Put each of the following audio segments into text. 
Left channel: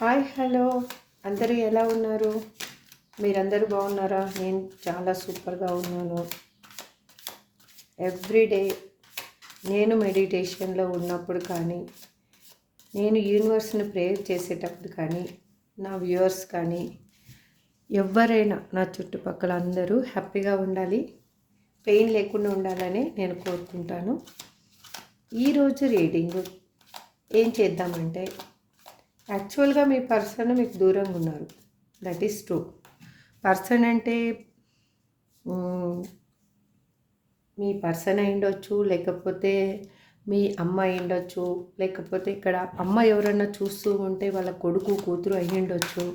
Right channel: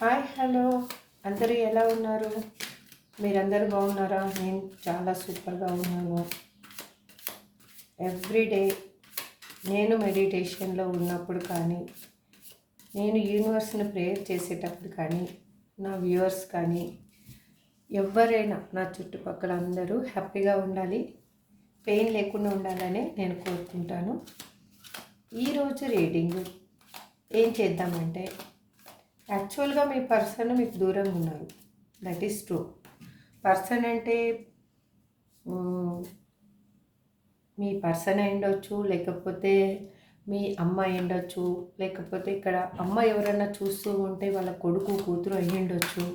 Hi hello అందరూ ఎలా ఉన్నారు? మీరందరూ బాగున్నారా? నేను చాలా సూపర్గా ఉన్నాను. ఎవ్రీడే నేను మెడిటేషన్లో ఉన్నప్పుడు కానీ, నేను యూనివర్స్ని ప్రేయర్ చేసేటప్పుడు కానీ, నా వ్యూవర్స్ కానీ, ఎవరైనా నా చుట్టుపక్కల అందరూ హ్యాపీగా ఉండాలి, పెయిన్ లేకుండా ఉండాలని నేను కోరుకుంటాను. ఈరోజు రీడింగ్ ఏం చేద్దామంటే, యాక్చువల్గా మీ పర్సన్ మీకు దూరంగా ఉన్నారు. That is true. పర్సన్ అంటే మీ పర్సన్ అయి ఉండొచ్చు, లేకపోతే మీ అమ్మ అయి ఉండొచ్చు, లేకపోతే ఇక్కడ అమ్మ ఎవరన్నా చూస్తూ ఉంటే వాళ్ళ కొడుకు కూతురు అయి ఉండొచ్చు,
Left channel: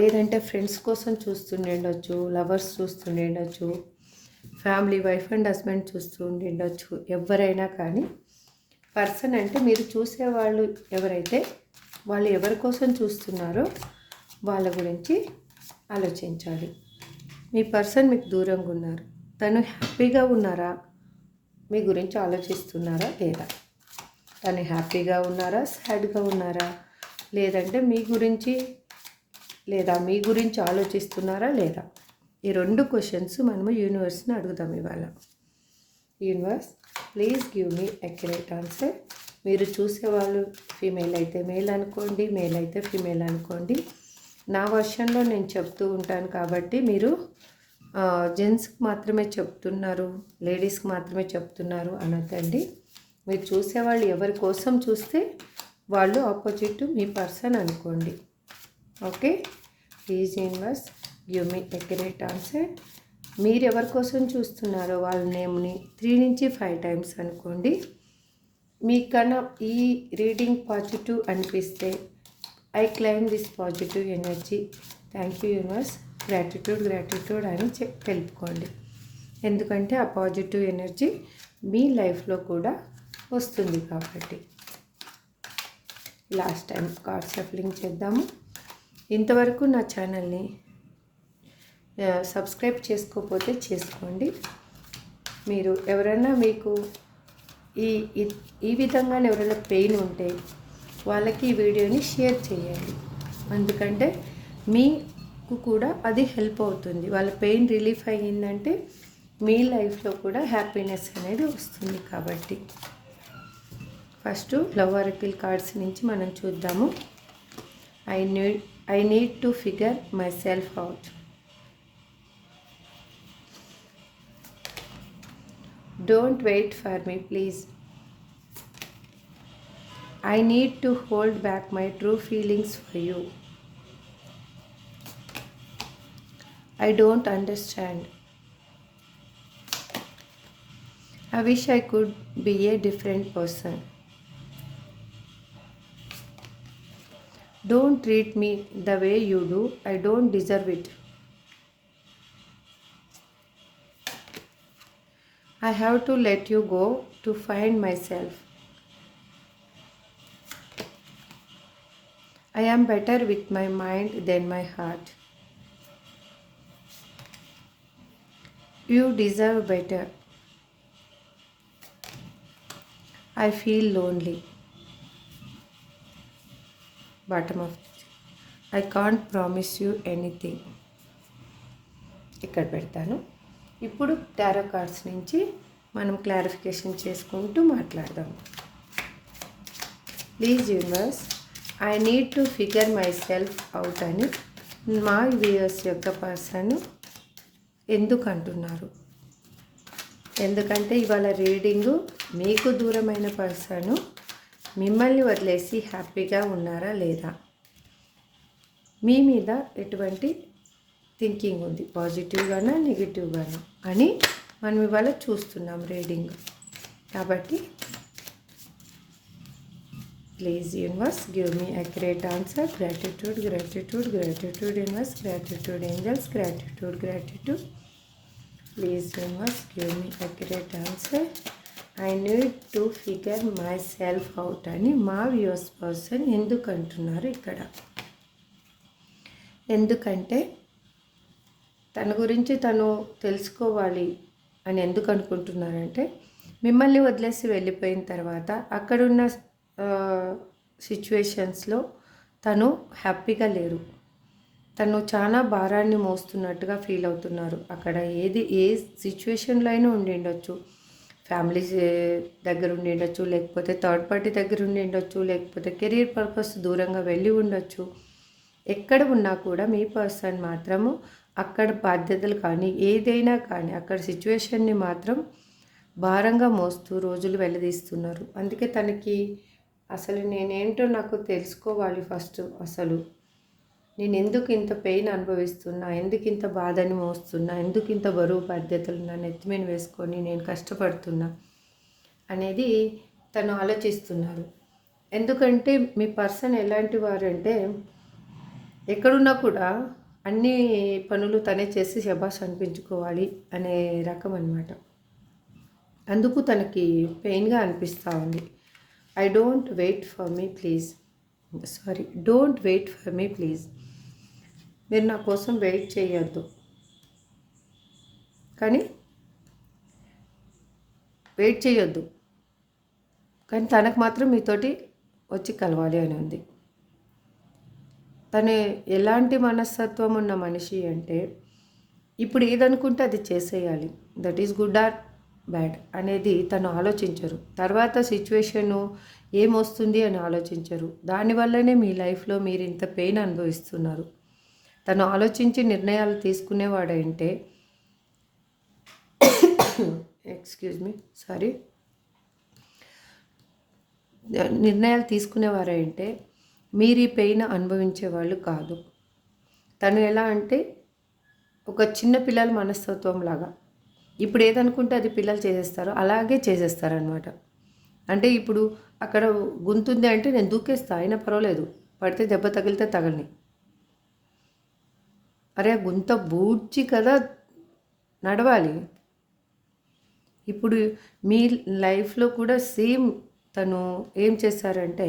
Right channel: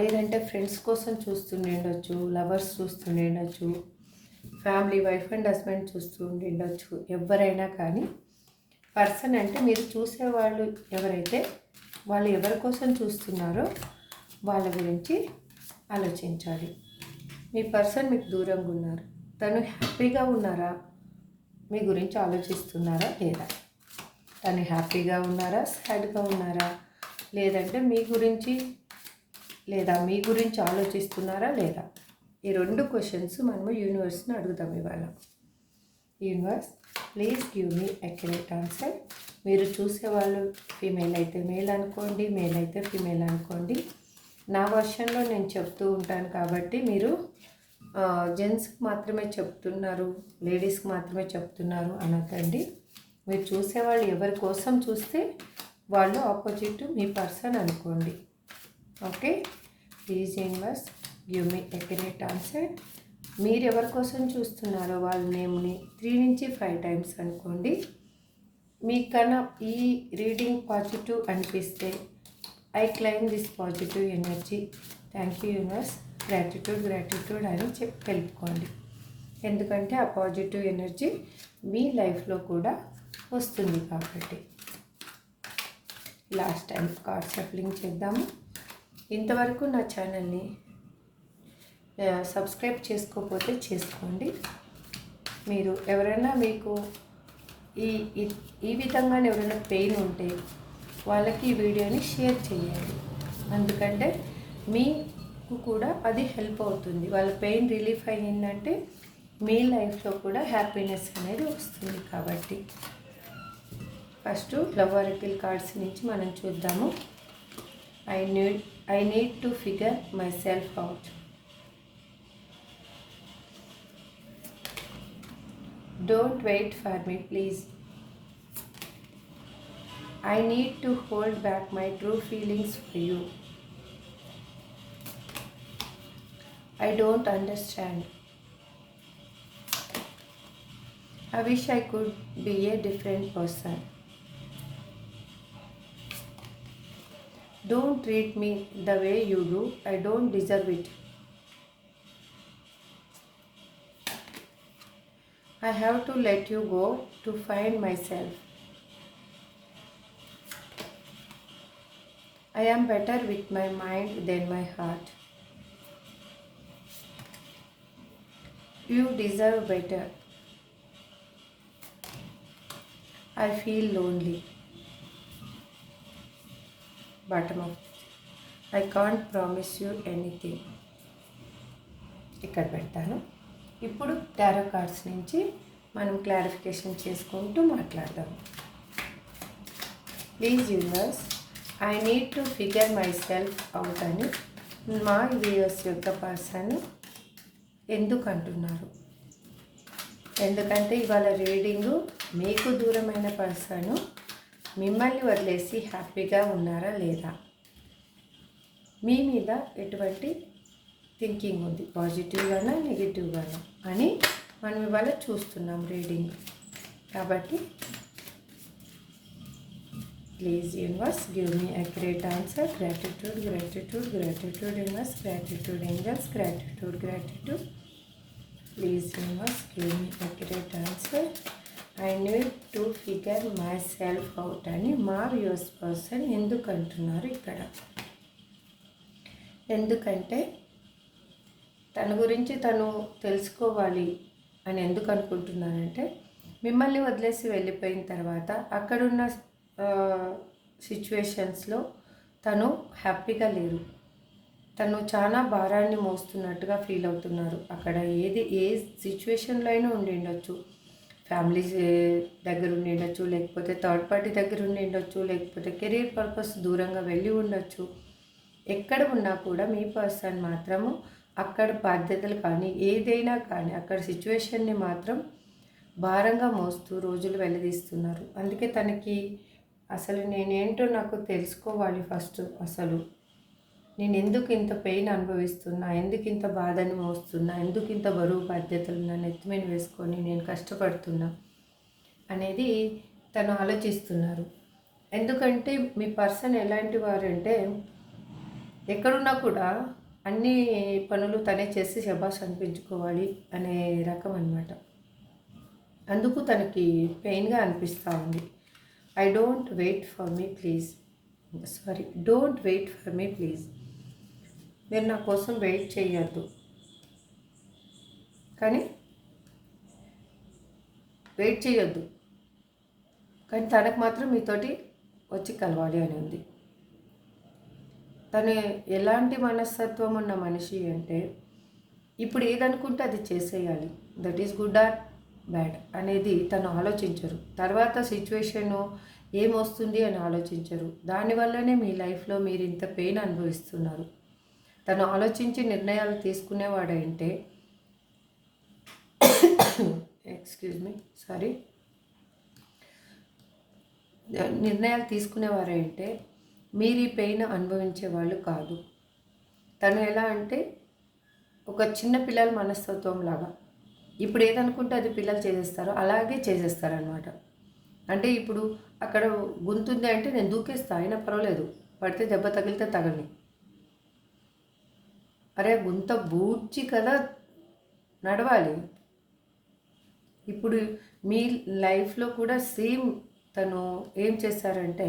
లేదంటే ఫ్రెండ్స్ కోసం చూస్తుండే ఉండొచ్చు, లవర్స్ చూస్తుండే ఉండొచ్చు, ఫ్యామిలీ వైఫ్ అండ్ హస్బెండ్ చూస్తూ ఉండొచ్చు. ఎవరైనా కానీ పర్సన్ అంటే మీరు చూసేవాళ్ళు ఎవరైతే వాళ్ళు ఎవరి కోసం చూస్తున్నారో వాళ్ళ గురించి ఆలోచించాలి. మీ పర్సన్ మీకు దూరంగా ఉన్నారు, తను హ్యాపీగా ఉన్నారా, మీ గురించి ఆలోచిస్తున్నారా లేదా, తను హ్యాపీగా ఉన్నారా, సాడ్గా ఉన్నారా, లేదంటే మీ గురించి ఆలోచిస్తున్నారా లేదా, ఈ రెండు క్వశ్చన్స్ మనము యూనివర్స్ని అడుగుదాం ఇవాళ. Universe, please give me accurate answer. మీరు చూసేవాళ్ళు ఫీమేల్ అయితే మేల్ అనుకోండి, మేల్ అయితే ఫీమేల్ అనుకోండి. నా వర్షన్లో నేను చెప్తూ ఉంటాను కాబట్టి మీరు జెంట్స్కి మాత్రమే చెప్తున్నారు, లేడీస్కి మాత్రమే చెప్తున్నారు అనొద్దండి. మీరు చూసేవాళ్ళు ఎవరి కోసం చూస్తే వాళ్ళు ఆపోజిట్ మీ పర్సన్ అనుకోండి. Okay, please universe give me accurate answer. మీరు ఎవరి కోసం చూస్తున్నారో వాళ్ళ నేమ్ని 3 నుంచి 5 టైమ్స్ అనుకోండి. మీకన్నా ఈ రీడింగ్ పాజిటివ్ అనిపిస్తే I claim this positive energy, thank you universe, gratitude అని తెలుపుకోండి. ఎందుకంటే ఆ పాజిటివ్ ఎనర్జీ మీ లైఫ్లో కూడా వస్తుంది కాబట్టి. లాస్ట్ టైం కార్డ్ షఫలింగ్ చేద్దాము. ఇంతవరకు నా ఛానల్ని సబ్స్క్రైబ్ చేసుకోకపోతే చేసుకోండి. మీరు ఎవరైనా మీకు ఈ విధంగా ఎవరైనా పెయిన్ ఉంటే వాళ్ళకి ఈ వీడియోని షేర్ చేయండి. ఎందుకంటే మీకు కూడా అది హెల్ప్ అవుతుంది. వాళ్ళ పెయిన్ రిలీఫ్ అయ్యిందంటే మీ లైఫ్లో కూడా హ్యాపీనెస్ అనేది వస్తుంది. కాబట్టి ఫస్ట్ లవ్ ఆరకిల్ కార్డ్స్ నుంచి మనం చూద్దాము. I need to figure my self out. Don't wait for me, please. I need to hold back my true feelings for you. I don't understand. I wish I could be a different person. Don't treat me the way you do. I don't deserve it. I have to let you go to find myself. I am better with my mind than my heart. You deserve better. I feel lonely. Bottom of it. I can't promise you anything. ఇక్కడ పెడతాను. ఇప్పుడు tarot cards నుంచి మనం clarification చేసుకుంటూ మాట్లాడదాం. Please universe, I need to figure my self out అని మా viewers యొక్క పర్సన్ ఎందుకు అంటున్నారు? ఎందుకంటే ఇవాళ రీడింగు మీకు దూరమైన పర్సన్ మిమ్మల్ని వదిలేసి హ్యాపీగా ఉన్నారా లేదా, మీ మీద ఎటువంటి థింకింగ్ ఉంది, పాజిటివ్గానా నెగిటివ్గానా అని మనం ఇవాళ చూస్తున్నాం రీడింగ్. కాబట్టి please universe give me accurate answer. Gratitude universe, gratitude angels, gratitude. Please universe give me accurate answer. I need to figure my self out అని మా వ్యూవర్స్ పర్సన్ ఎందుకు అంటున్నారు ఇక్కడ? ఎందుకంటే తన గురించి తను తెలుసుకోవాలి అని ఎందుకు అనుకుంటున్నానంటే, మిమ్మల్ని వదిలేసి వెళ్ళిపోయిన తర్వాత అక్కడున్న సిచ్యువేషన్స్లో తను హ్యాపీగా లేరు. తను చాలా భారాన్ని మోస్తున్నట్టుగా ఫీల్ అవుతున్నారు. అక్కడ ఏ సిచ్యువేషన్లో అయినా ఉండిండొచ్చు. ఫ్యామిలీస్ దగ్గర ఉండిండొచ్చు, లేకపోతే థర్డ్ పార్టీ దగ్గర ఉండిండొచ్చు, లేకపోతే కెరీర్ పర్పస్ దూరంగా వెళ్ళి ఉండొచ్చు. ఎక్కడ ఉన్నా కూడా మీ పర్సన్ మాత్రము అక్కడ బాధ్యతలు కానీ ఏదైనా కానీ అక్కడ సిచ్యువేషన్ని మాత్రం భారంగా మోస్తూ రోజులు వెల్లదీస్తున్నారు. అందుకే తనకి అసలు నేనేంటో నాకు తెలుసుకోవాలి ఫస్ట్. అసలు నేను ఎందుకు ఇంత పెయిన్ అనుభవిస్తున్నా, ఎందుకు ఇంత బాధని మోస్తున్నా, ఎందుకు ఇంత బరువు బాధ్యతలు నా నెత్తిమీద వేసుకొని నేను కష్టపడుతున్నా అనేది తను ఆలోచిస్తున్నారు. ఎందుకంటే మీ పర్సన్ ఎలాంటి వారంటే ఎక్కడున్నా కూడా అన్ని పనులు తనే చేసి శబాష్ అనిపించుకోవాలి అనే రకం అన్నమాట. అందుకు తనకి పెయిన్గా అనిపిస్తూ ఉంది. Don't wait for me please. మీరు నా కోసం వెయిట్ చేయొద్దు, కానీ తనకు మాత్రం మీతోటి వచ్చి కలవాలి అని ఉంది. తను ఎలాంటి మనస్తత్వం ఉన్న మనిషి అంటే ఇప్పుడు ఏదనుకుంటే అది చేసేయాలి. That is good or bad అనేది తను ఆలోచించరు. తర్వాత సిచ్యువేషను ఏమొస్తుంది అని ఆలోచించరు. దానివల్లనే మీ లైఫ్లో మీరు ఇంత పెయిన్ అనుభవిస్తున్నారు. తను ఆలోచించి నిర్ణయాలు తీసుకునేవాడంటే నిర్ణయాలు తీసుకునేవారంటే మీరు ఈ పెయిన్ అనుభవించే వాళ్ళు కాదు. తను ఎలా అంటే ఒక చిన్న పిల్లల మనస్తత్వం లాగా, ఇప్పుడు ఏదనుకుంటే అది పిల్లలు చేసేస్తారు, అలాగే చేసేస్తారనమాట. అంటే ఇప్పుడు అక్కడ గుంతుంది అంటే నేను దూకేస్తా, అయినా పర్వాలేదు, పడితే దెబ్బ తగిలితే తగలని. అరే గుంత బూడ్చి కదా నడవాలి. ఇప్పుడు మీ లైఫ్లో కూడా సేమ్ తను ఏం చేశారంటే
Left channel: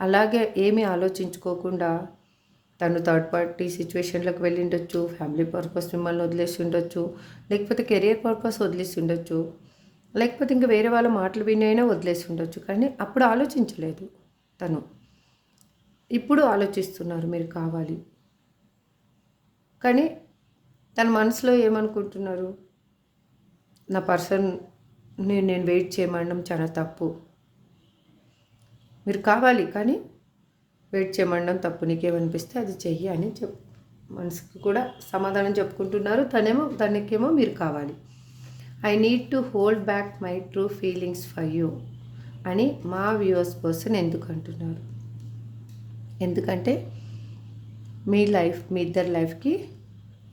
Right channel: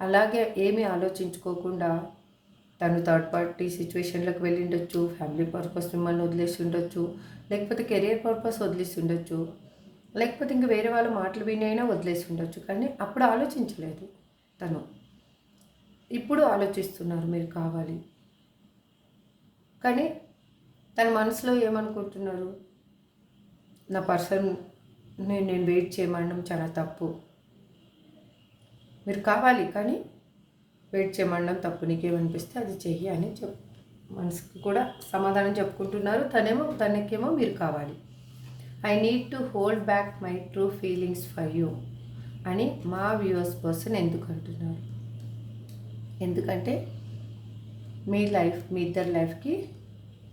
అలాగే ఏమీ ఆలోచించుకోకుండా తను థర్డ్ పార్టీ సిచ్యువేషన్లోకి వెళ్ళి ఉండొచ్చు, ఫ్యామిలీ పర్పస్ మిమ్మల్ని వదిలేసి ఉండొచ్చు, లేకపోతే కెరియర్ పర్పస్ వదిలేసి ఉండొచ్చు, లేకపోతే ఇంకా వేరే వాళ్ళ మాటలు విని అయినా వదిలేసి ఉండొచ్చు. కానీ అప్పుడు ఆలోచించలేదు తను. ఇప్పుడు ఆలోచిస్తున్నారు మీరు కావాలి. కానీ తన మనసులో ఏమనుకుంటున్నారు, నా పర్సన్ నేను వెయిట్ చేయమనడం చాలా తప్పు, మీరు కావాలి కానీ వెయిట్ చేయమనడం తప్పు, నీకేమనిపిస్తే అది చెయ్యి అని మనసుకి కూడా సమాధానం చెప్పుకుంటున్నారు. తనకేమో మీరు కావాలి. I need to hold back my true feelings for you అని మా వ్యూవర్స్ పర్సన్ ఎందుకు అంటున్నారు? ఎందుకంటే మీ ఇద్దరి లైఫ్కి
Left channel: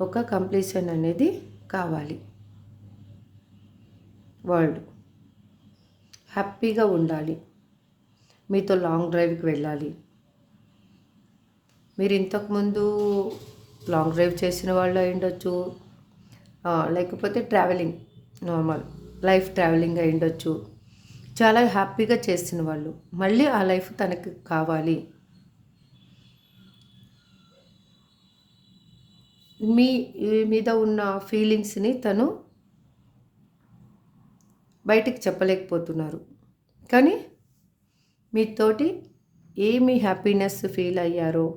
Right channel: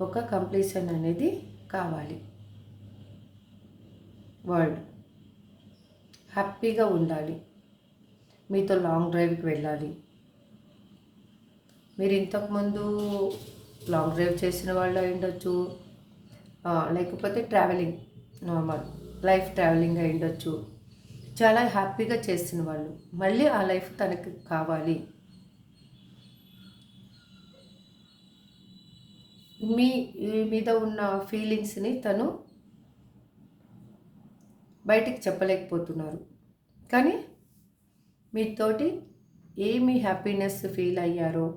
ఒక కంప్లీషన్ అనేది కావాలి. వరల్డ్ హ్యాపీగా ఉండాలి, మీతో లాంగ్ డ్రైవ్కి వెళ్ళాలి. మీరు ఇంతకుముందు లాంగ్ డ్రైవ్ చేసిన వాళ్ళు అయి ఉండొచ్చు, లేకపోతే ట్రావెలింగ్ నార్మల్ లైఫ్ ట్రావెలింగ్ అయి ఉండొచ్చు. చాలా హ్యాపీగా చేసిన వాళ్ళు మళ్ళీ ఆ లైఫ్ తనకి కావాలి. మీ మీద ఉన్న ఫీలింగ్స్ని తను బయటికి చెప్పలేకపోతున్నారు. కానీ మీతోటి ఏమి హ్యాపీనెస్ ఫీల్ అయ్యారో,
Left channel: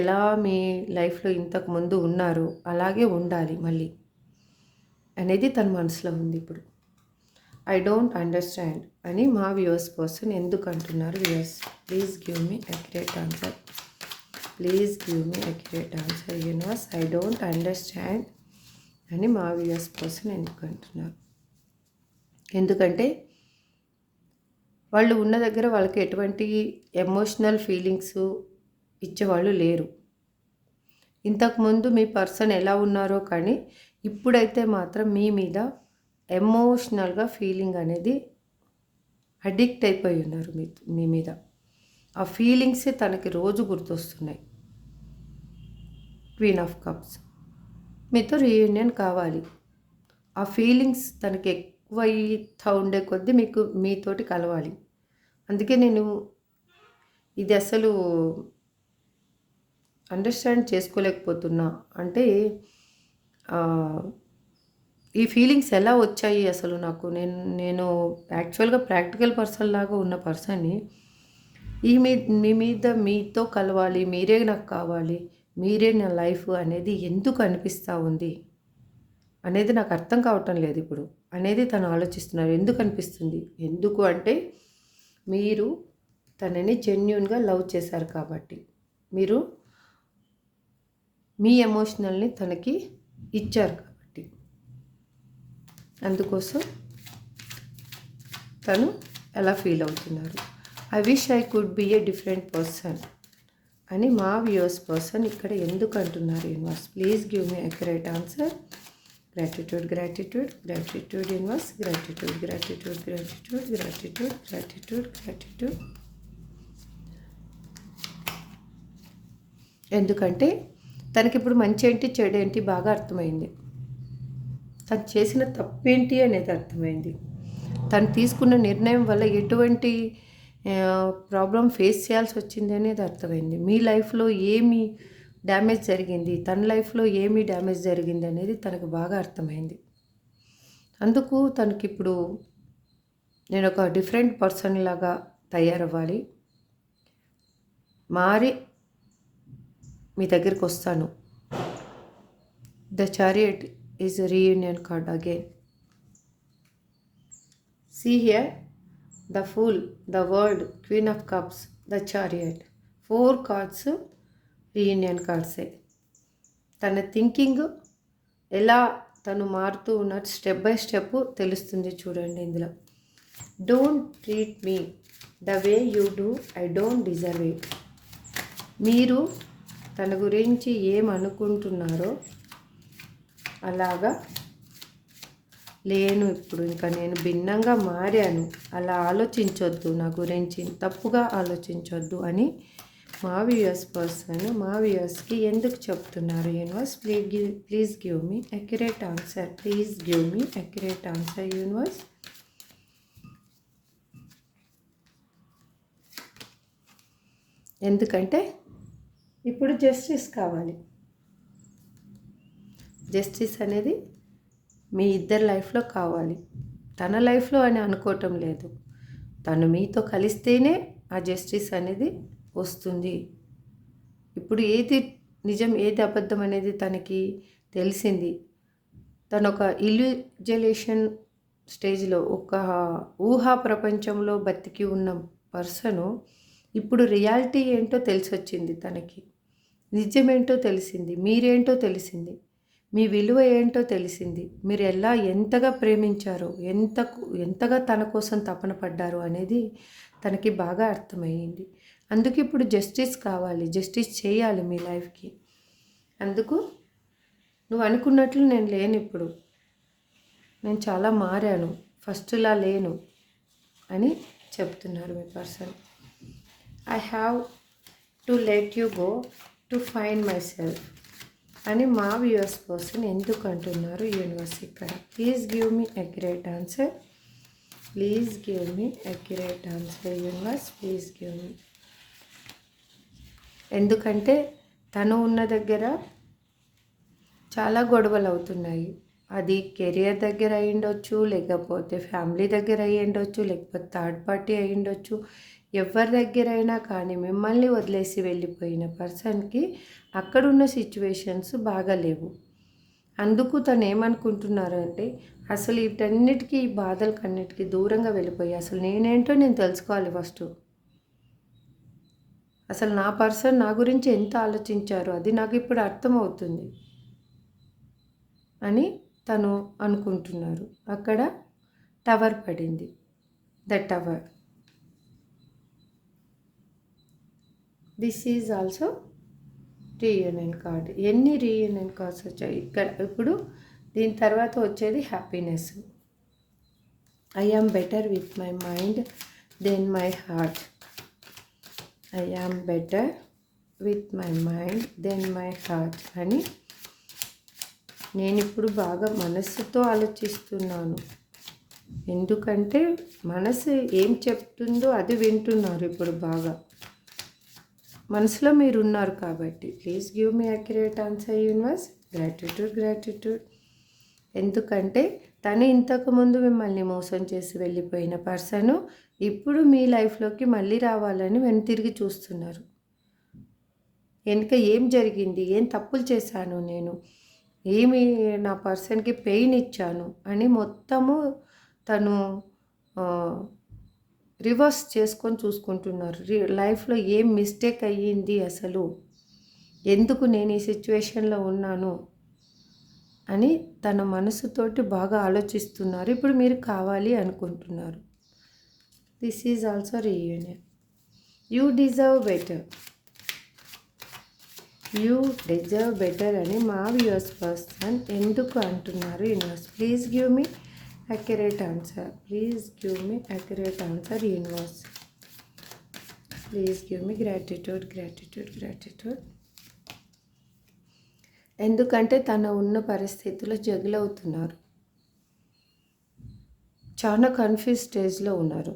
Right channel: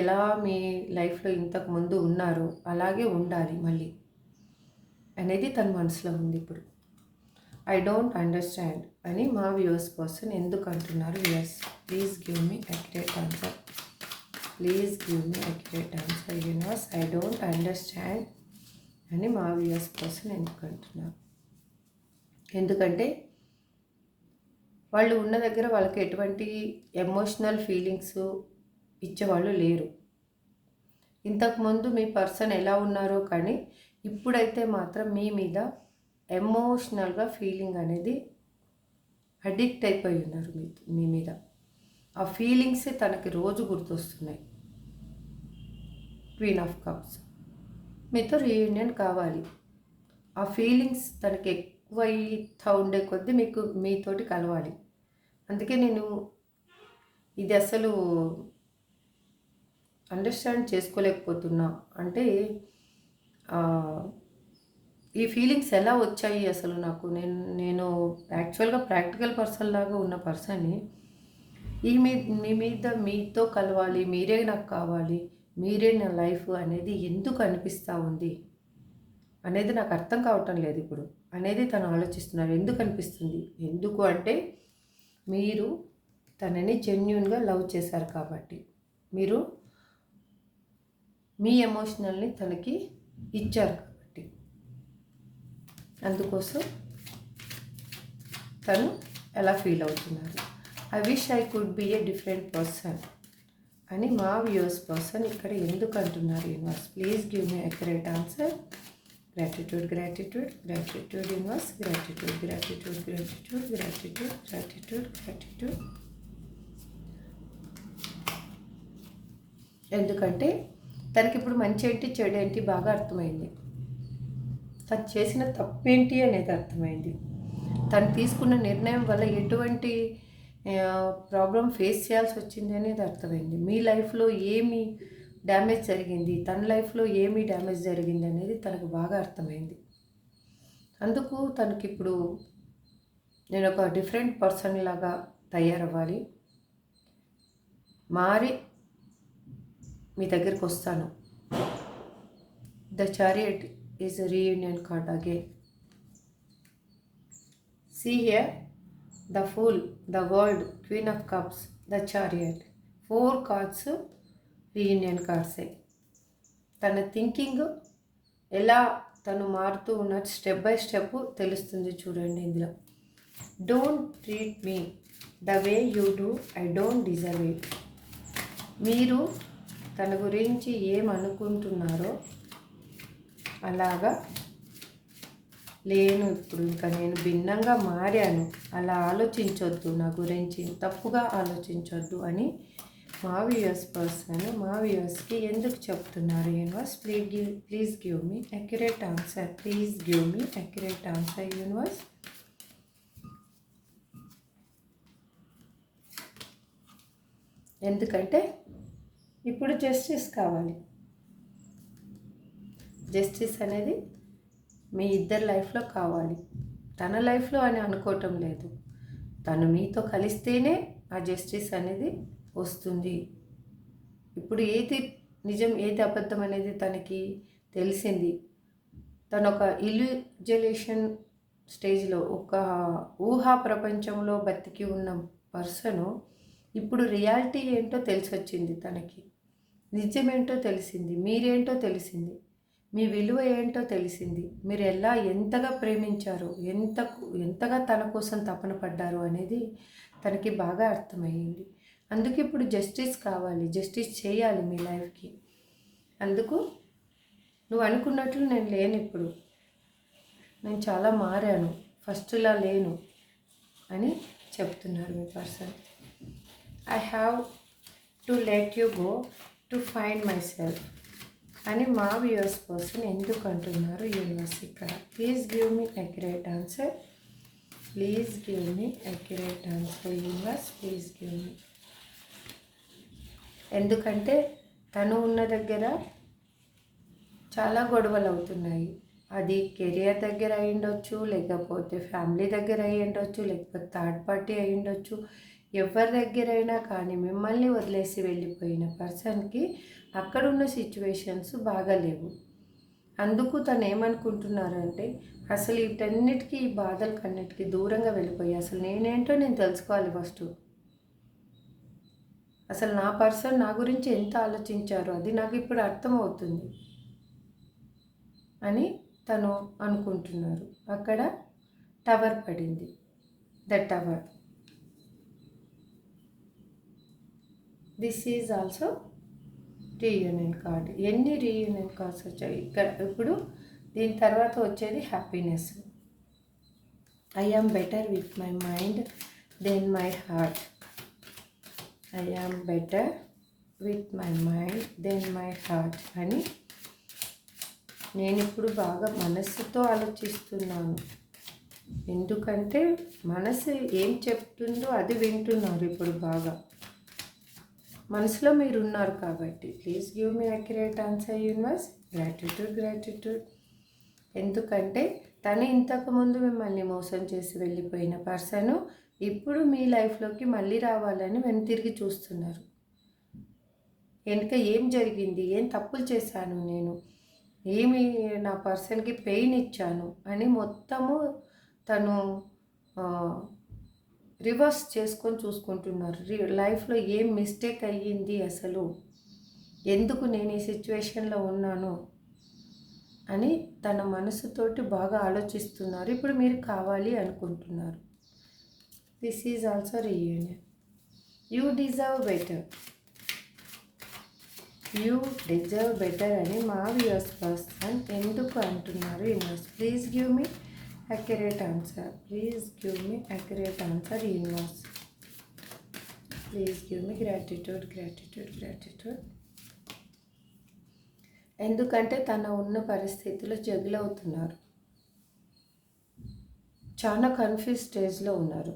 ఎలా మీ లైఫ్లో ఇంతకుముందు ఉన్నారో అలాగే ఉండాలి మళ్ళీ అనేది తన మనసులో ఉంది. ఇప్పుడు ఐ డోంట్ అండర్స్టాండ్ అని మా వ్యూవర్స్ పర్సన్ ఎందుకు అంటున్నారు? Viewers please give me accurate answer. Universe I don't understand అని మా వ్యూవర్స్ పర్సన్ ఎందుకు అంటున్నారు? ఎందుకంటే వాళ్ళు ఉన్న దగ్గర వాళ్ళకి ఎటువంటి ఎమోషనల్ ఫీలింగ్స్ ఇచ్చేవాళ్ళు లేరు. ఇంతకుముందు మీ పర్సన్ ఎలా ఉన్నారో కానీ ఇప్పుడైతే మాత్రం మీ మీద ఎమోషనల్గా ఫీలింగ్ అనేది అడిక్ట్ అయిపోయి ఉన్నారు మీ మీద. ఆ ఫీలింగ్సే తనకి రోజు గుర్తొస్తున్నాయి. క్వీన్ ఆఫ్ కప్స్, మీతో రీయూనియన్ కావాలి. ఆ ఫీలింగ్స్ తనకి ఎక్కువ అవుతూ ఉండే కొద్దీ మీతోటి కలవాలి. అందుకే నేను ఇది అసలు అండర్స్టాండ్ చేసుకోలేకపోతున్నా. అంటే ఈ ఫీలింగ్స్ ఎలా వచ్చాయి అసలు నాకు? నేను యాక్చువల్గా ప్రాక్టికల్ పర్సన్ లాగా ఉన్న పర్సన్ని మీ మీద మీతో కలవాలి, మీరే నాకు కావాలి, మీరే నా లైఫ్ అనేది ఎందుకు అనిపిస్తూ ఉంది అనేది నాకు అర్థం కావటం లేదు ఇప్పుడు అనేది తను ఆలోచిస్తున్నారు. ఎందుకు అనిపిస్తుంది? ఎందుకు అంటే మీరు తనని జెన్యూన్గా లవ్ చేశారు కాబట్టి, మీరు మీ ఎమోషనల్ని తనకి ఇచ్చారు కాబట్టి, అందుకోసం తను ఎలా ఫీల్ అవుతున్నారు. I wish I could be a different person అని మా వ్యూవర్స్ పర్సన్ ఇక్కడ ఎందుకు అంటున్నారు universe? Please give me accurate answer. Gratitude gratitude gratitude universe, gratitude gratitude gratitude gratitude gratitude gratitude. ఎందుకంటే తనకి ఇప్పుడు మంచి ఏంటి చెడు ఏంటి బాగా అర్థమైంది. తను చేసిన తప్పేంటి అనేది అర్థమైంది. తను తీసుకున్న నిర్ణయం వల్ల ఎటువంటి ప్రాబ్లం ఫేస్ చేయాల్సి వచ్చింది అనేది అర్థమైంది. మీ లైఫ్లో ఏమి డ్యామేజ్ జరిగింది, తన లైఫ్లో ఏమి డ్యామేజ్ జరిగింది అనేది తనకు బాగా అర్థమైంది. అందుకు తనకిప్పుడు నేను ఒక డిఫరెంట్ పర్సన్ లాగా తయారవ్వాలి, మారి మీ దగ్గరికి వస్తాను. The chariot is a reunion card again. See here, the Fool, the World, Queen of Cups, the Chariot. 4 cards reunion కార్డ్సే. తన థింకింగ్ ఎలా తను మారుతూ ఉన్నట్టు స్టెప్ బై స్టెప్ తెలుస్తుంది చూడండి ఇందులో. Don't treat me the way you do, I don't deserve it. మీరు తన గురించి ఏమనుకుంటున్నారో అలాగా లేను, ఇప్పుడు ఇంకా నేను భిన్నంగా మారాను, అలా ఆలోచించొద్దు, నా గురించి తప్పుగా ఆలోచించొద్దు అని మా వ్యూయర్స్ పర్సన్ మా వ్యూయర్స్కి ఎందుకు చెప్తున్నారు universe? Please give me accurate answer. Please give me accurate answer universe. ఎందుకంటే ఇప్పుడు జస్టిస్ కావాలి. జస్టిస్ అనేది మీ ఇద్దరి లైఫ్లో కావాలి. తన లైఫ్లో అని అనుకోవటం లేదు, తను మీతో కలిస్తేనే ఆ జస్టిస్ అనేది వస్తుంది. ఇప్పుడు ఏది నిజం ఏది అబద్ధం అనేది తనకి తెలిసింది. తను ఒక ఇల్యూజలేషన్ స్టేజ్లో, ఒక ఊహా ప్రపంచంలో బతికి ఉన్న పర్సను ఇప్పుడు రియాలిటీ ఏంటో తెలిసొచ్చింది. తనకి నిజమేంటో తెలిసింది, మీరేంటో తెలిసింది, మీ విలువ ఏంటో తెలిసింది, మీరు ఎంతగా ప్రేమించారో, ఎంతగా తన కోసం తపన పడ్డారో అనేది తనకి బాగా అర్థమయ్యింది. అందుకు ఇప్పుడు జస్టిస్ కావాలి, జస్టిస్ చేయాలి మీ లైఫ్కి. అందుకు నువ్వు అనుకున్నట్లు నేను లేను, ఇప్పుడు నేను చాలా మారాను, ఫస్ట్లా లేను అని చెప్తున్నారు మీ person. I have to let you go to find myself అని మా వ్యూవర్స్ పర్సన్ ఎందుకు అంటున్నారు యూనివర్స్ ఇక్కడ? Please give me accurate answer. Please give me accurate answer universe. Please give me. ఎందుకంటే తను ఉన్న దగ్గర చాలా గొడవలు అవుతున్నాయి. అది కెరియర్ దగ్గర అయి ఉండొచ్చు, లేకపోతే ఫ్యామిలీ దగ్గర అయి ఉండొచ్చు, లేకపోతే థర్డ్ పార్టీ అయి ఉండొచ్చు. ఎవరి దగ్గరైనా కానీ మిమ్మల్ని వదిలేసి వెళ్ళిపోయిన పర్సన్కి అక్కడున్న సిచ్యువేషన్స్ బాగాలేవు. అందుకు తను ఏమనుకుంటున్నారంటే అసలు వీటన్నిటికీ, ఈ బాధలకన్నిటికీ దూరంగా వెళ్ళిపోయి అసలు నేనేంటో నేను తెలుసుకోవాలి ఫస్ట్. అసలు నా పర్సన్ నా గురించి ఎంత ఆలోచించారో అది నాకు ఇప్పుడు అర్థమవుతుంది అని తను అనుకుంటున్నారు. అక్కడ టవర్ పడింది. The tower. This is also reunion card. ఎన్ని రీయూనియన్ కార్డ్స్ వచ్చాయి ఇక్కడ? ఇప్పుడు దీని తర్వాత వచ్చేది happiness. I am better with my mind than my heart. I am better with my mind than my heart అని నేను ఇప్పుడు బాగా మనస్సుతో ఆలోచిస్తున్నాను. ఎందుకంటే మనసు ఏం చెప్తుందో అది వింటున్నారు ఇప్పుడు బాగా. మనసులో మీరు ఉన్నారు కాబట్టి. Please give me accurate answer universe. Gratitude gratitude. ఎందుకంటే తను ఇంతకుముందు మిమ్మల్ని మోసం చేసి వెళ్ళిపోయిన పర్సను ఇప్పుడు మీ లైఫ్లోకి మళ్ళీ రావాలని వెనుతిరిగి చూస్తున్నారు. వెనుక ఏం జరిగింది, ఏం తప్పులు చేశాను నేను, ఏమి నా పర్సన్కి పెయిన్ ఇచ్చాను అని మొత్తము తను రివర్స్ చేసుకొని చూసుకుంటున్నారు. లైఫ్లో ఏం మిస్టేక్ అయ్యింది అసలు, ఎందుకు నేను ఈ సిచ్యువేషన్లో ఉన్నాను అని తన మనసుతోటి బాగా ఆలోచిస్తున్నారు. ఇప్పుడు మీరు కావాలి అనుకుంటున్నారు. This is also reunion. You deserve better, you deserve better అని మా వ్యూయర్స్ పర్సన్ ఎందుకు అంటున్నారు? Universe please give me accurate answer. Please give me accurate answer, universe. Please give me gratitude, gratitude, gratitude. ఎందుకంటే తన ఉన్న పరిస్థితుల్లో జగిల్ అవుతున్నారు. చాలా కన్ఫ్యూజ్ స్టేజ్లో ఉన్నారు.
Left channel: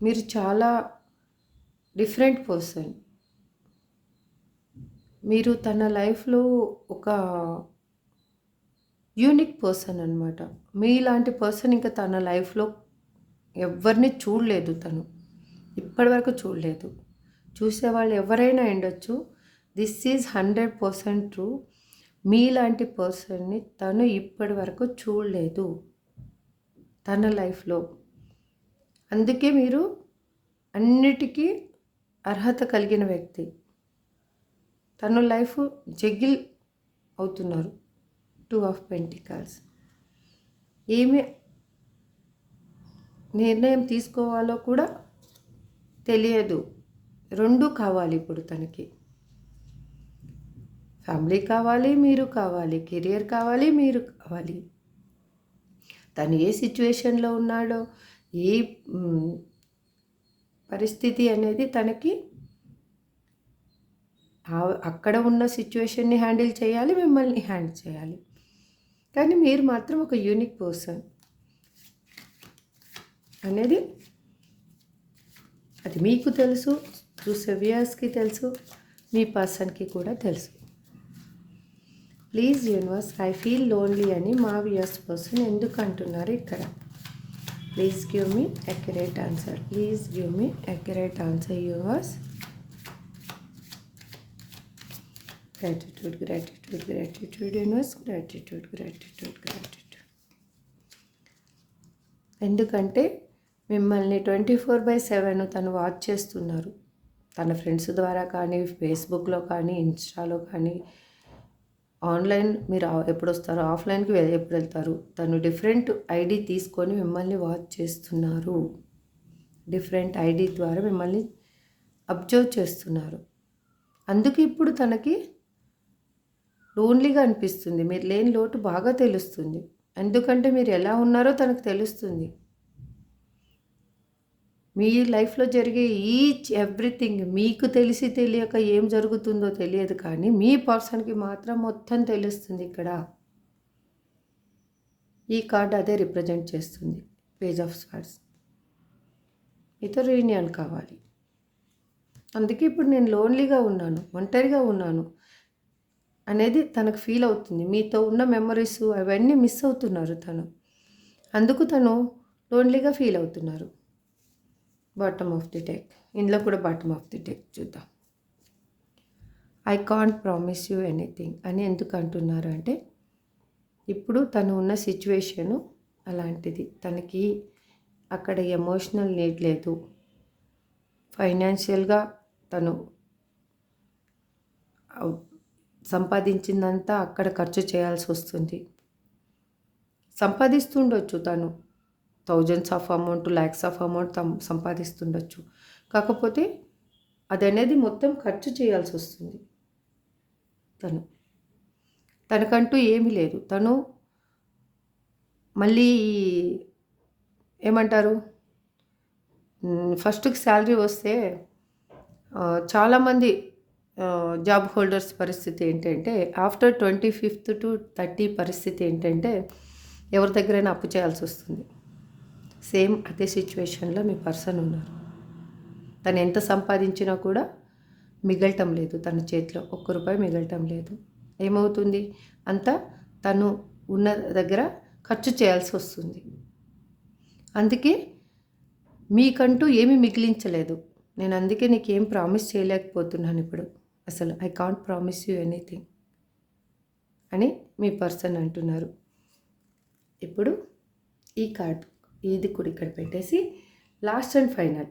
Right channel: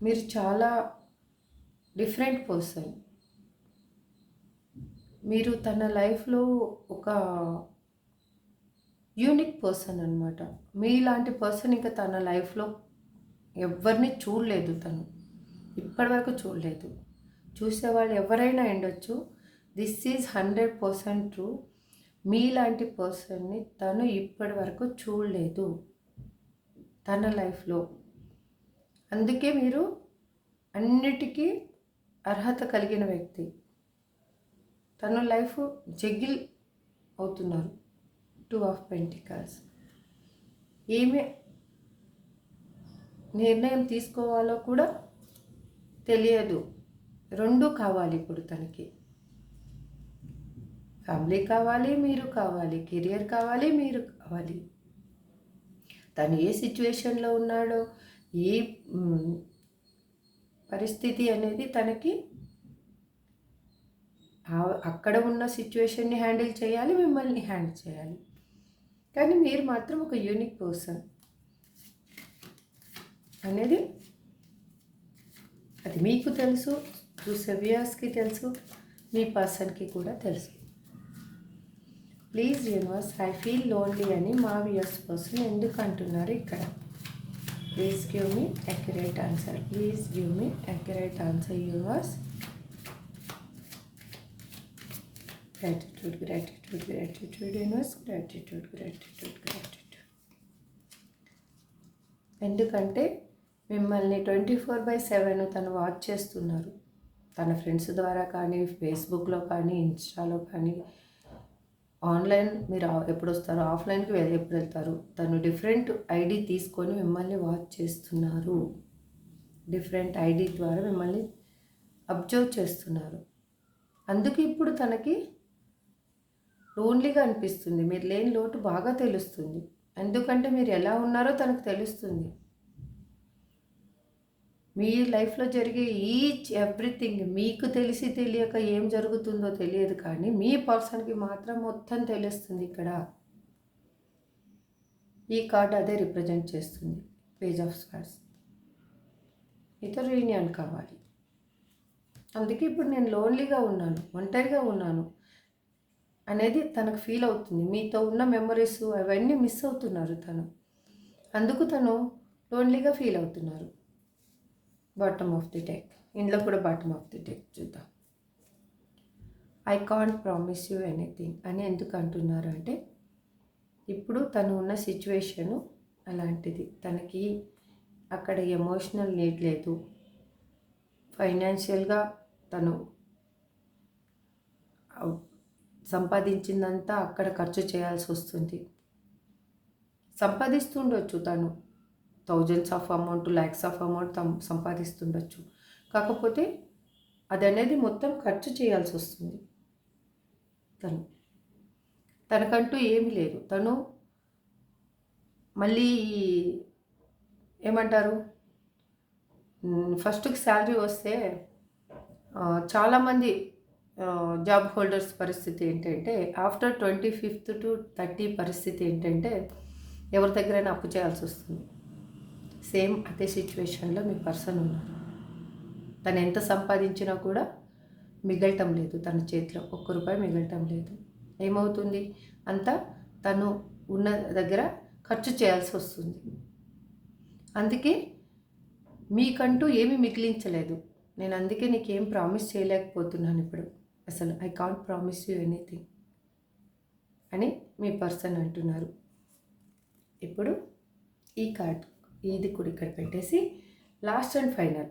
మీరు చాలా డిఫరెంట్ పర్సన్. మీరు తన లైఫ్లో ఒక యూనిక్ పర్సన్ అనమాట. మీలాంటి పర్సన్ ఇంకా తన లైఫ్లో ఎవరిని చూడలేదు. తను ఇప్పటివరకు చూడలేదు. చూసేవాళ్ళు ఎవరైనా ఉండొచ్చు. This is 100% true. మీలాంటి పర్సన్ని తను ఇప్పటి వరకు చూడలేదు తన లైఫ్లో. అందుకే మీరు అన్నిటికీ అర్హత కలిగిన వ్యక్తి. తన లైఫ్ జగిల్ అవుతున్నారు. 2 of Pentacles. ఏమి నిర్ణయం తీసుకోవాలో కూడా తెలియదు. రెండు కావాలి ఇప్పుడు తనకి. ఫ్యామిలీ కావాలి, మీరు కావాలి, కెరియర్ కావాలి, మీరు కావాలి. తను ఏ సిచ్యువేషన్లో ఉన్నాడో, ఏ పరిస్థితి అనేది తనకి అక్కడ ఉన్న సిచ్యువేషన్ని హ్యాండిల్ చేయాలి, మిమ్మల్ని హ్యాండిల్ చేయాలి. కానీ మీరు మాత్రం ఒక యూనిక్ పర్సన్ అనేది అది మీకు తెలుసు, చూసే వ్యూయర్స్కి తెలుసు, మీ పర్సన్కి కూడా తెలుసు. Please universe, I feel lonely అని మా వ్యూయర్స్ పర్సన్ ఎందుకు అంటున్నారు ఇక్కడ? Please give me accurate answer. Please give me accurate answer universe. Gratitude, gratitude, gratitude, universe, gratitude, gratitude, gratitude. ఎందుకంటే మిమ్మల్ని 24/7 తను వాచ్ చేస్తున్నారు. తన ఫ్రెండ్స్ ద్వారా కానీ, ఫేస్బుక్లో కానీ, ఇన్స్టాలో కానీ, ఆన్లైన్ మీరు ఎప్పుడు వస్తారో, ఆఫ్లైన్కి ఎప్పుడు వెళ్తారు, తను డిఫరెంట్ ఐడి తీసుకొని మిమ్మల్ని వాచ్ చేస్తున్నారు. డిఫరెంట్ ఐడి ద్వారా మిమ్మల్ని అబ్జర్వ్ చేస్తున్నారు. అందుకే ఇప్పుడు తనకి లోన్లీగా అనిపిస్తుంది. మీరు లేని లోటు బాగా తెలుస్తుంది. ఎందుకంటే మీరు ఎలా ఉన్నారో తనకు తెలుస్తుంది. మీ లైఫ్లో జరిగే ఈచ్ ఎవ్రీథింగ్ మీకు తెలిసి తెలియక ఏం జరుగుతుందో తెలియదు, కానీ మీ పర్సన్కి మాత్రం మొత్తం తెలుస్తుంది. ఇక్కడ ఈ కార్డ్ అదే రిప్రజెంట్ చేస్తుంది. Page of swords. మీతో రీయూనియన్ కావాలి. అందుకే ఇప్పుడు నేను లోన్లీగా ఉన్నాను, ఒంటరిగా ఉన్నాను అనేది తనకు ఫీల్ అవుతుంది. మీతో ఉన్న మెమరీస్ అవన్నీ మిస్ అవుతున్నారు తను. అందుకు తను లోన్లీగా ఫీల్ అవుతున్నారు. Bottom of the deck. ఇందులో కూడా బాటమ్ ఆఫ్ ది డెక్ చూద్దాం. I can't promise you anything అని ఎందుకు అంటున్నారు అంటే, ఇప్పుడు తను ఉన్న సిచ్యువేషను అలాంటిది. తనకి అక్కడ ఎమోషనల్ నీడ్ లేదు. ఫైనాన్షియల్గా తను సంపాదించిందంతా అక్కడ ఖర్చు చేయాల్సి వస్తుంది. సంపాదిస్తుండొచ్చు తను thousands of amount, lakhs of amount సంపాదిస్తుండొచ్చు. కాకపోతే అది అనేది మొత్తం ఖర్చు చేయాల్సి వస్తుంది. తనకంటూ ఏమీ లేదు. తను మళ్ళీ ఏమంటారు, ఫస్ట్కి శాలరీ వస్తే చాలామంది జాబ్ హోల్డర్స్ పరిస్థితి ఏంటంటే, ఆఫ్టర్ 25th to 30 పరిస్థితి ఏంటంటే ఎవరి దగ్గరైనా అప్పు చేయాల్సి వస్తుంది. సేమ్ అదే సిచ్యువేషన్లో మీ పర్సన్ ఉన్నారు. తను ఎంత సంపాదించినా కూడా మిగలటం లేదు. తన చేతిలో ₹1 మిగలటం లేదు. ఏమవుతుంది, అంతా తను ఉన్న దగ్గర ఖర్చు చేయాల్సి వస్తుంది. అందుకే మీకంటూ ఏమీ మిగిలించలేదు. నేను అందుకే నీకేం ప్రామిస్ చేయలేకపోతున్నాను ఇప్పుడు. అసలు I can't promise you anything అని మీ పర్సన్ అంటున్నారు. ఇప్పుడు ఈ కార్డ్ ఇది కూడా ఇక్కడ పెట్టేసి లాస్ట్ అండ్ ఫైనల్.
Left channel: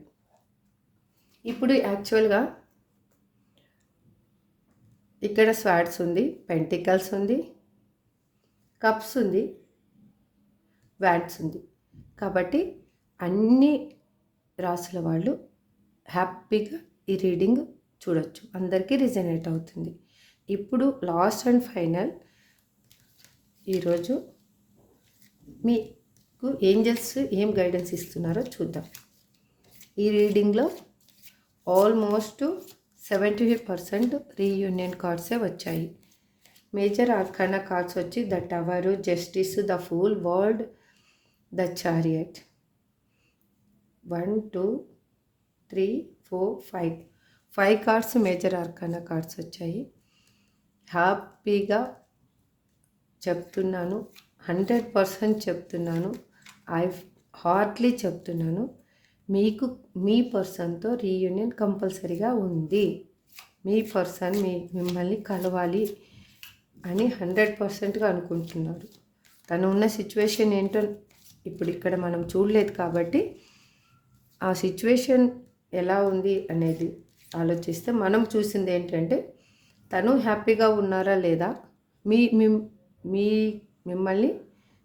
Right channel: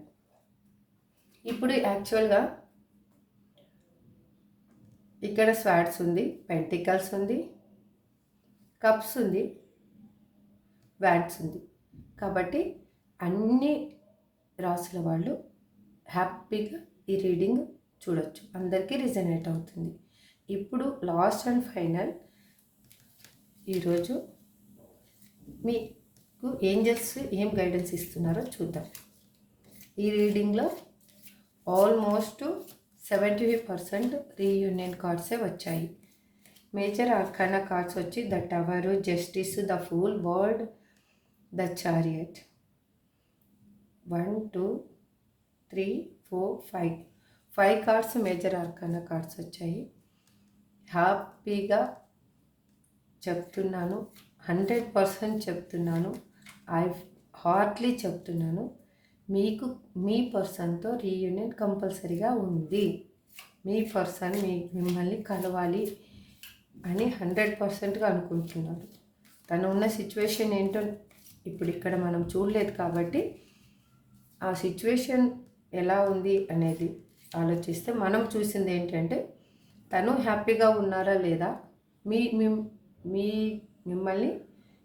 ఇప్పుడు యాక్చువల్గా ఇక్కడ స్వార్డ్స్ ఉంది, పెంటికల్స్ ఉంది, కప్స్ ఉంది, వ్యాడ్స్ ఉంది. కాబట్టి అన్ని రాసుల వాళ్ళు హ్యాపీగా ఈ రీడింగ్ చూడొచ్చు, అందరికీ రిజనేట్ అవుతుంది. ఇప్పుడు లాస్ట్ అండ్ ఫైనల్ ఈరోజు మీకు ఏంజల్స్ ఏం గైడెన్స్ ఇస్తున్నారో చూద్దాం. ఈ రీడింగ్లో ఆల్మోస్ట్ 75% రీయూనియన్ కార్డ్సే వచ్చాయి. మేజర్ ఆర్కానా కార్డ్స్ వచ్చి the tower, justice, the fool, world, the chariot. 1 2 3 4 5 cards major arcana cards వచ్చాయి. హ్యాపీగా చెప్తున్నాను, 100% చెప్తున్నాను, ఐ హార్ట్లీ చెప్తున్నాను, మీకు మీ పర్సన్తో రీయూనియన్ కంపల్సరీగా ఉంది. మీ పర్సన్ మిమ్మల్ని కలవాలి అని 100%గా అనుకుంటున్నారు. తను ఉన్న సిచ్యువేషన్ ఏంటో ఇప్పుడు ఇక్కడ మనం చూడలేదు కాబట్టి ఆ సిచ్యువేషన్ ఎలా ఉంది అనేది ఆలోచిస్తే మనం చూసింది ఏంటంటే తను హ్యాపీగా ఉన్నారా లేదా, మిమ్మల్ని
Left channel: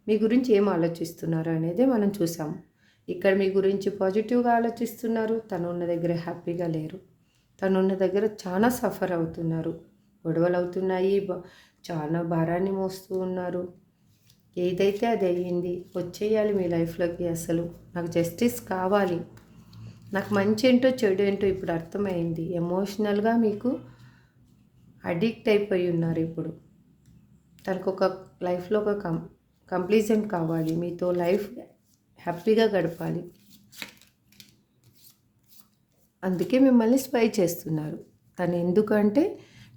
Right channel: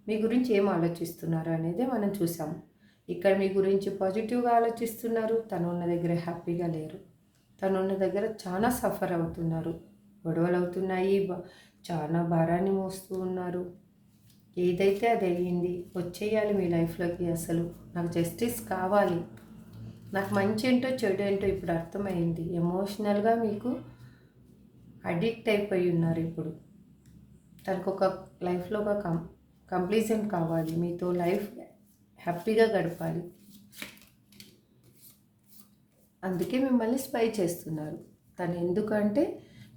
మీ గురించి ఏం ఆలోచిస్తున్నారు అనేది మనం చూసాము. ఇక్కడ మీ గురించి పాజిటివ్గా ఆలోచిస్తున్నారు, తను ఉన్న దగ్గర హ్యాపీగా లేరు, తను ఉన్న దగ్గర చాలా సఫర్ అవుతున్నారు, గొడవలు అవుతున్నాయి, చాలా భారాన్ని మోస్తూ ఉన్నారు. ఏదైతే అది అయ్యింది, వచ్చేయాలి మీ లైఫ్లోకి. అసలు నాకు జస్టిస్ కావాలి, నాకు మంచి ఏంటో చెడు ఏంటో ఇప్పుడు అర్థమైంది. ఎమోషనల్గా మీకు అడిక్ట్ అయిపోయి ఉన్నారు. ఇప్పుడు తనకు ఒక లైఫ్లో ఒక కంప్లీషన్ కావాలి, మీతో లైఫ్ హ్యాపీగా గడపాలి, అందుకే మిమ్మల్ని స్పై చేస్తున్నారు. తను ఎందుకంటే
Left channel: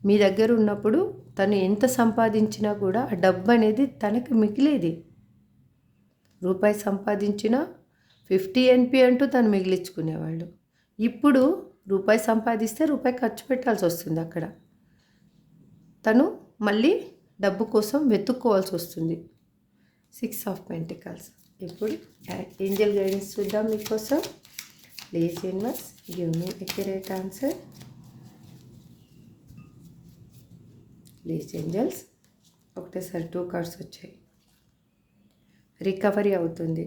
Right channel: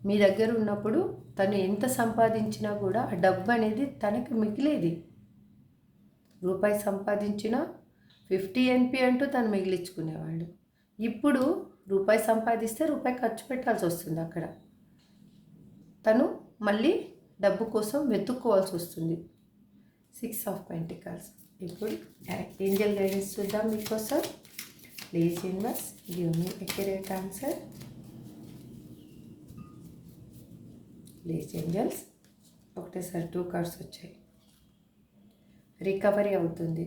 మీ దగ్గర ఉన్నప్పుడు తను ఎంత సంపాదించినా కూడా ఆ డబ్బు అనేది తనకి మిగిలేది. రూపాయి సంపాదించినా 50 NP అంటూ తను మిగిలించుకునేవాళ్ళు. ఇప్పుడు రూపాయి సంపాదిస్తే రూపాయి ఖర్చు పెట్టాల్సి వస్తుంది. అక్కడ తను మళ్ళీ డబ్బు కోసం వెతుక్కోవాల్సి వస్తుంది. 6 ఆఫ్ పెంటికల్స్. ఇప్పుడు ఏంజల్ గైడెన్స్ చూద్దాం మీకోసం. Please universe give me accurate answer. Please angels. ఒకటేసారి 2 కార్డ్స్ వచ్చాయి. రికవరీ అవుతుంది,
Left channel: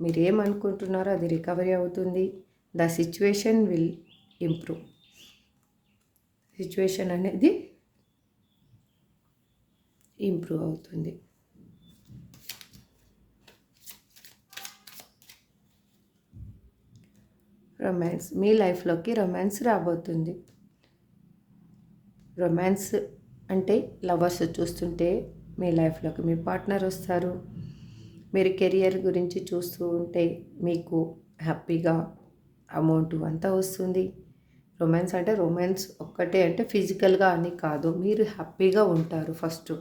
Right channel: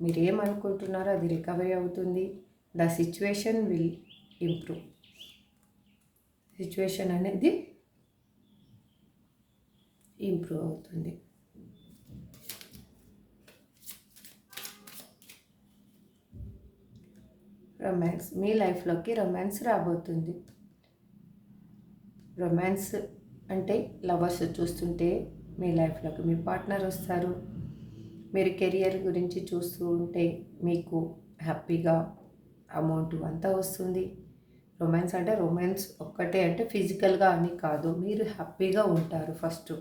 మీరు ఏమనుకుంటున్నారో అది రికవరీ అవుతుంది. The situation will improve. Situation అనేది ఇంప్రూవ్ అవుతుంది. రొమాన్స్, మీ లైఫ్లోకి రొమాన్స్ రాబోతుంది. రొమాన్స్ అంటే లవర్స్ చూస్తుంటే మీ లైఫ్లోకి మీ పార్ట్నర్ వస్తారు. మీరు కెరియర్ గురించి చూస్తూ ఉంటే మీకు హ్యాపీగా అమౌంట్ అంతా వస్తుంది. రొమాన్స్ అంటే రొమాన్స్ ఒక్కటే అంటే ఫిజికల్గా అని కాదు, మీరు హ్యాపీగా ఉంటారు ఫస్ట్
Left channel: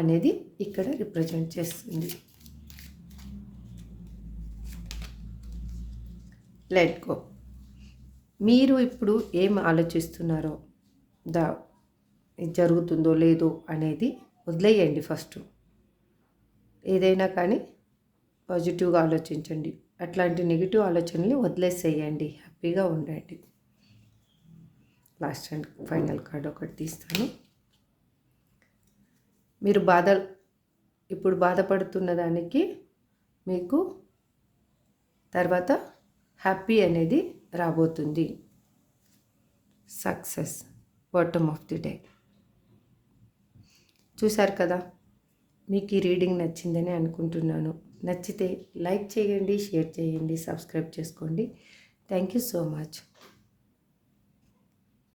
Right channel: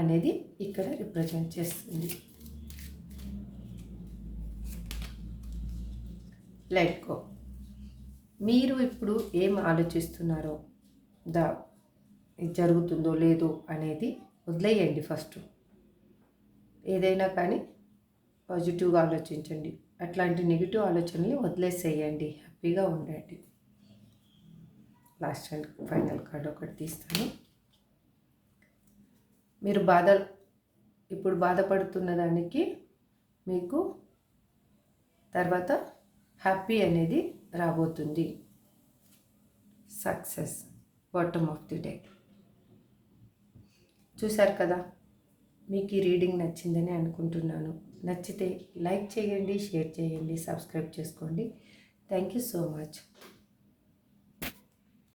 అనేది ఇక్కడ రిప్రజెంట్ చేస్తుంది. Let go. మీరు ఇప్పుడు ఏం ఆలోచిస్తున్నారో జరుగుతుందో లేదో అనేది వదిలేయండి. ఫస్ట్ ఏదైనా కానీ పాజిటివ్గా ఆలోచించండి, అట్లాంటి నెగిటివ్ ఆలోచనలు వదిలేసేయండి, హ్యాపీగా ఉండండి. లాస్ట్ అండ్ ఫైనల్ కార్డ్ ఒకటి తీస్తాను. మీరు ఇప్పుడు బాధపడుతున్న దానికి మీకు తర్వాత హ్యాపీ అనేది రాబోతుంది. Success, bottom of the day. చూశారు కదా, మీకు ఈ రీడింగ్ నచ్చిందని అనుకుంటున్నాను. నచ్చితే లైక్ చేయండి, షేర్ చేయండి, సబ్స్క్రైబ్ చేసుకోండి. Thank you so much.